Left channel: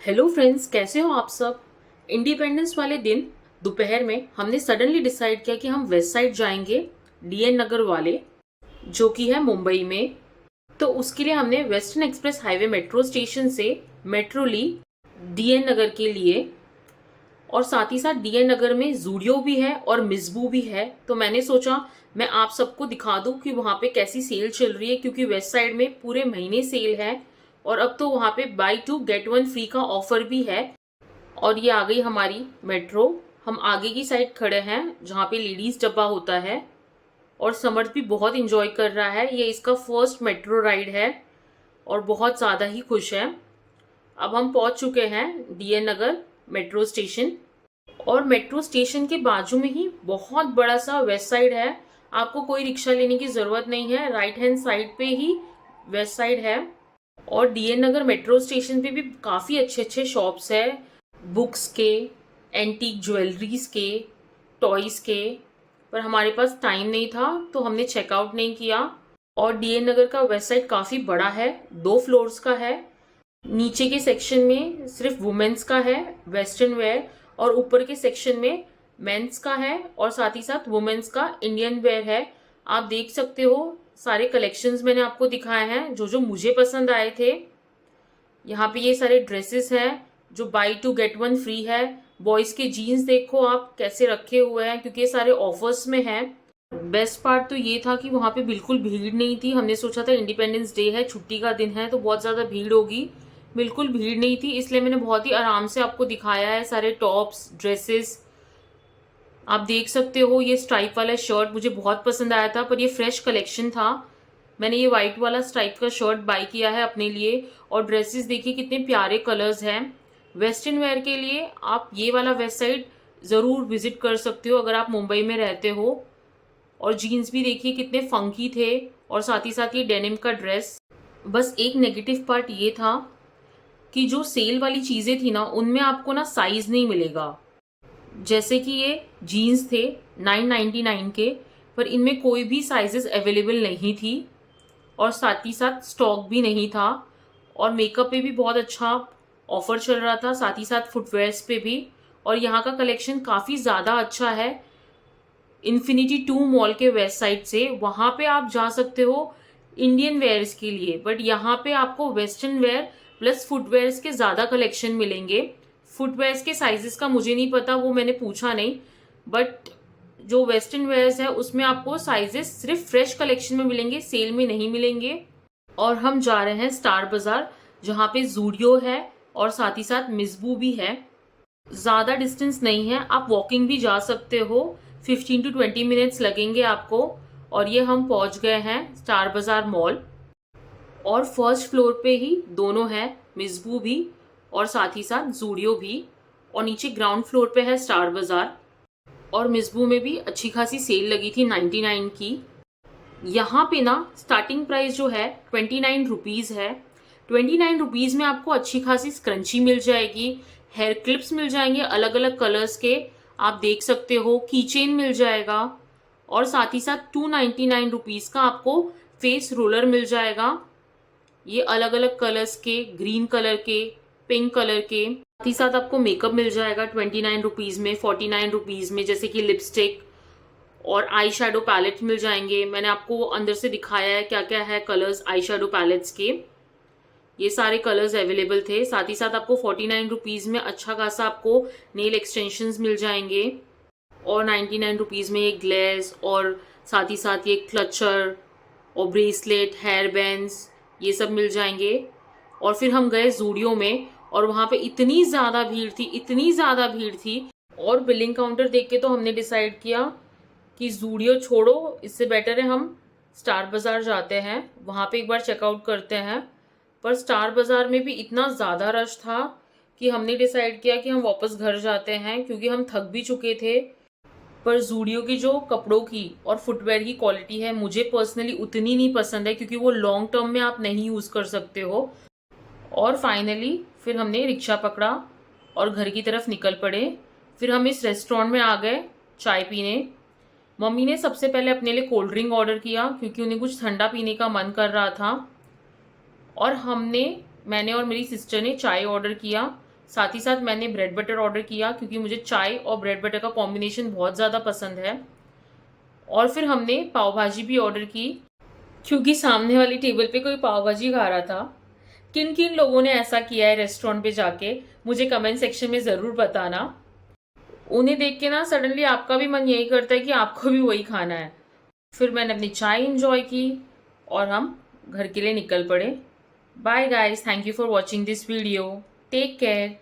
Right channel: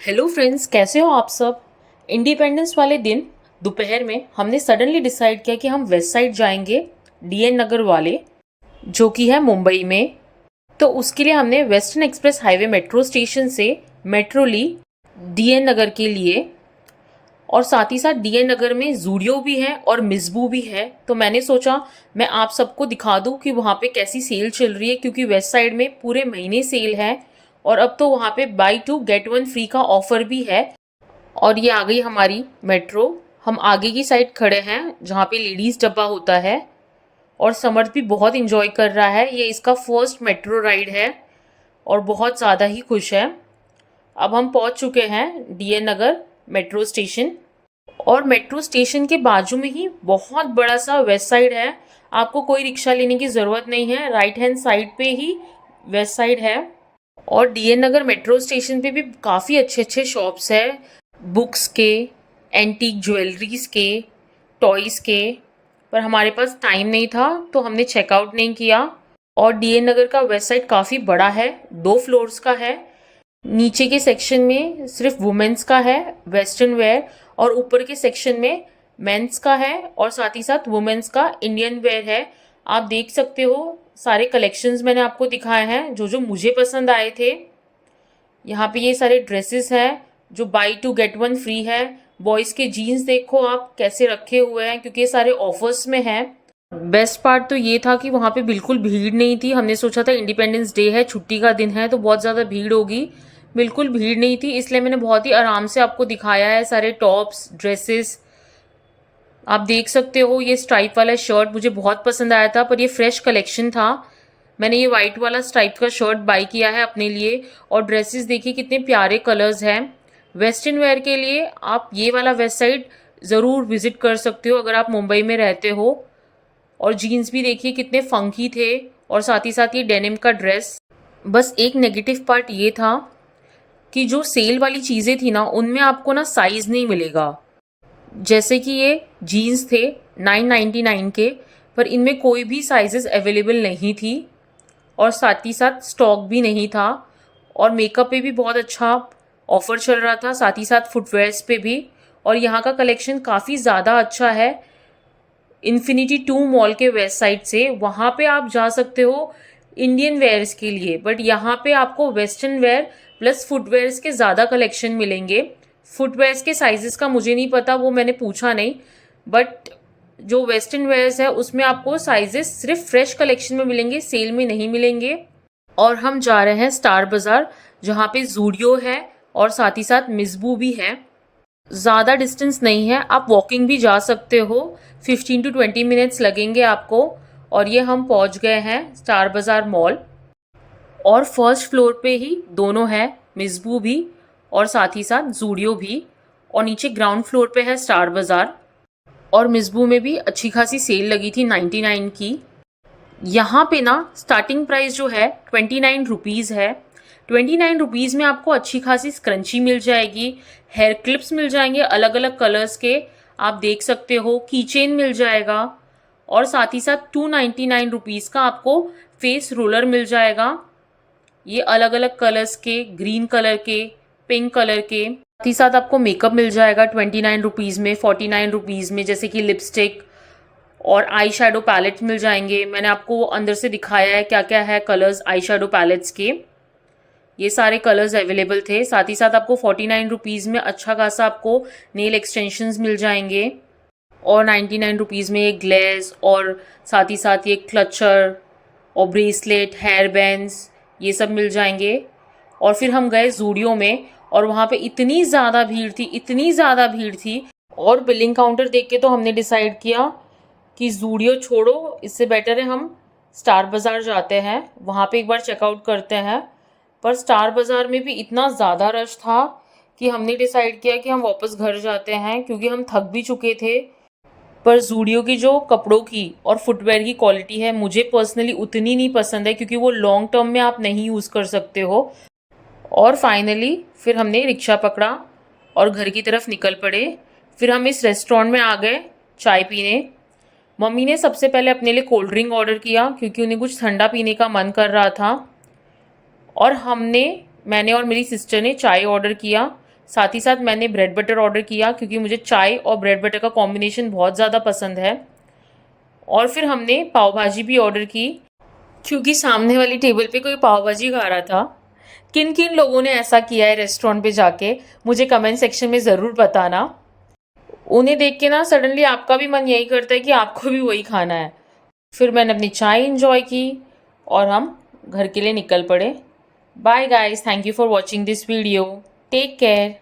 Hello friends, कैसे हो आप सब। इंडिपेंडेंस वाले दिन दोपहर में हमने सडनली डिसाइड किया कि हम वेस्ट साइड जाएंगे, डीएन नगर वाले, जो कि है मुंबई में। तो उसके लिए हमने western express highway metro station से मेट्रो ली डीएन नगर के लिए। और साथ ही साथ डीएन नगर में जूडियो भी है और मिसबू भी है। तो मैंने सोचा मैं आप सबको दिखा दूं कि वहाँ पे कैसी सेल चल रही है, क्योंकि वेस्ट साइड में पूरे महीने सेल है और अब तो वहाँ पे buy two get one free का ऑफर भी है। और ये आ गई हमारी मेट्रो। हम आगे की साइड खड़े हैं जहाँ पे लेडीज़ डब्बा होता है और समर्थ भी बहुत इंजॉय कर रहा है। ये इसका फर्स्ट मेट्रो राइड है और बहुत ज़्यादा ही खुश है। अब हम पहुँच चुके हैं डीएन नगर मेट्रो स्टेशन। और मेट्रो स्टेशन के बाजू में ही बहुत बड़ा सा वेस्ट साइड है। आपको कोई रिक्शा लेने की ज़रूरत नहीं है, राइट हैंड साइड पे ही वेस्ट साइड है। और डीएन नगर मेट्रो स्टेशन पे भी काफ़ी अच्छे अच्छे शॉप्स है, बुक्स के, एंटीक ज्वेलरीज के, टॉयज़ के। पर हमारे पास टाइम नहीं था तो हमने चेकआउट नहीं किया। और डीएन नगर का वेस्ट साइड काफ़ी बड़ा है, 2 फ्लोर्स का है। नीचे के सेक्शन में सिर्फ वुमेन्स का है, वेस्टर्न वेयर, और ऊपर के सेक्शन में मेंस का है और साथ ही साथ वुमेन्स का इंडियन वेयर है। आप देख सकते हो, सारे कलेक्शंस मैंने आपको दिखाए हैं जो जो मुझे पसंद आए थे। यहाँ पे ये सारे ड्रेसेस हैं जो buy two get one free है। बॉयज़ के जीन्स देखो आप कैसे रखे हुए हैं, क्योंकि ये सारे ऑफर्स में हैं। बेस्ट पार्ट तो ये था कि वहाँ पे बिल्कुल भीड़ नहीं थी। हमने सोचा था इंडिपेंडेंस डे है, छुट्टी का दिन है, तो बहुत ज़्यादा भीड़ होगी। बिल्कुल भीड़ नहीं थी, इसलिए मैंने बहुत ही आराम से आपको दिखाया है सारे टॉप्स, ड्रेसेस। आप देख सकते हो, ये स्ट्राइप वाला शर्ट मुझे बहुत पसंद आया था, पर ये फ्रेश कलेक्शन था। मैंने ये वाइट वाला स्ट्राइप का शर्ट बाय किया है अपने लिए। और ड्रेसेस देखिए कितने प्यारे कलर्स हैं। वेस्टर्न वेयर के लिए आप ये वाला वेस्ट साइड ज़रूर विजिट कर सकते हो अगर आप मुंबई में रहते हो। और जीन्स भी देखिए कितने फंकी थे, और साथ ही साथ ये डेनिम का ड्रेस। बस एक नेगेटिव पार्ट ये था कि जो सेल वाली चीज़ें थी ना, उनमें आपको ना साइज़ नहीं मिलेगा। जैसे कि ये जीन्स थे 999 के, पर इनमें कोई भी साइजेस अवेलेबल नहीं थी और साथ ही साथ स्टॉक भी नहीं था। और मेकअप पे भी बहुत अच्छा ऑफर चल रहा था, साथ ही साथ फुटवेयर्स पे भी। और यहाँ का कलेक्शन काफ़ी ज़्यादा अच्छा है। इन्फिनिटी 2 मॉल के वेस्ट साइड से वहाँ पे आप जा सकते हो इंडियन वेयर्स के लिए, बट यहाँ पे आपको वेस्टर्न वेयर प्लस फुटवेयर्स के ज़्यादा कलेक्शन मिलेंगे। फुटवेयर्स के साइजेस का मुझे नहीं पता, वो मैंने पूछा नहीं। बट जो वेस्टर्न वेयर्स है उसमें आपको साइजेस सिर्फ फ्रेश कलेक्शन में मिलेंगे, सेल में नहीं मिलेंगे। और हम जा रहे हैं स्टार बाज़ार, जहाँ पे जूडियो है और साथ ही साथ मिसबू भी है। ज़्यादा डिस्टेंस नहीं है, आप वॉकिंग भी जा सकते हो। 15 to 20 मिनट्स लगेंगे आपको। और ये हम पहुँच गए हैं स्टार बाज़ार मॉल। और फर्स्ट फ्लोर पे ही दोनों है, मिसबू भी और साथ ही साथ जूडियो भी। और नीचे ग्राउंड फ्लोर पे है स्टार बाज़ार। और मिसबू में भी अच्छी खासी सेल लगी थी 99 की। यहाँ पे ना स्टार्टिंग प्राइस जो है 29 रुपीज़ है। 29 रुपीज़ में आपको अच्छी खासी स्क्रंची मिल जाएगी, हेयर क्लिप्स मिल जाएंगे अलग अलग कलर्स के, आप देख सकते हो, की चेन मिल जाएगा। और साथ ही साथ 299 रुपीज़ का आपको फेस रोलर मिल जाएगा, ये अलग अलग कलर्स के, ग्रीन कलर के, पिंक कलर के। साथ ही साथ आपको मेकअप मिल जाएगा 29 रुपीज़ में, 49 रुपीज़ में, जैसे कि लिपस्टिक और आई शेडो पैलेट मिल जाएंगे। मैंने आपको अंदर से दिखाया है क्या क्या है कलर्स आई शेडो पैलेट्स के। ये सारे कलर्स अवेलेबल थे। साथ ही साथ आपको 49 रुपीज़ में अच्छा खासा आपको नेल एक्सटेंशंस मिल जाएंगे। और 99 रुपीज़ में ये ग्लेज और साथ ही साथ ये क्लचर और ब्रेसलेट, हेयर बैंड्स, ये सब मिल जाएंगे। और फिर हम गए जूडियो में और वहाँ पे इतनी ज़्यादा भीड़ थी, इतनी ज़्यादा भीड़ थी। और बिलिंग काउंटर देख के तो हमने डिसाइड किया कि जूडियो छोड़ो, इससे बेटर है हम स्टार बाज़ार जाते हैं, वहाँ पे एक बार चेकआउट करते हैं। पर स्टार बाज़ार में भी इतना ज़्यादा रश था कि हमने डिसाइड किया कि हम वापस घर जाते हैं, क्योंकि हम थक भी चुके थे। पर जूडियो की जो कपड़ों की और फुटवेयर की क्वालिटी है मुझे पर्सनली उतनी नहीं पसंद है, क्योंकि वो लॉन्ग टर्म में आप नहीं यूज़ कर सकते हो। और फाइनली फिर हमने रिक्शा पकड़ा और घर की तरफ निकल पड़े। फिर हम इस रेस्टोरेंट में आ गए चाय पीने। मम्मी ने सबसे पहले अपने लिए कोल्ड ड्रिंक ऑर्डर किया, क्योंकि उन्हें कुछ ठंडा पीने का मन कर रहा था। और मैंने और मेरी सिस्टर ने चाय ऑर्डर किया। साथ ही साथ मैंने ब्रेड बटर ऑर्डर किया क्योंकि मुझे चाय और ब्रेड बटर का कॉम्बिनेशन बहुत ज़्यादा पसंद है। और फिर हमने पाव भाजी भी ऑर्डर की क्योंकि सामने वाली टेबल पे कोई पाव भाजी खा रहा था। किन किन लोगों ने ऐसा किया है रेस्टोरेंट पे जाके, मुझे कमेंट सेक्शन में ज़रूर बताना। उन्हें देख के ना सडनली आपका भी मन यही करता है कि आपको भी वही खाना है। फिर मैंने अपनी चाय इंजॉय की और हम घर के लिए निकल पड़े। Bye guys, thank you for watching this video. Take care.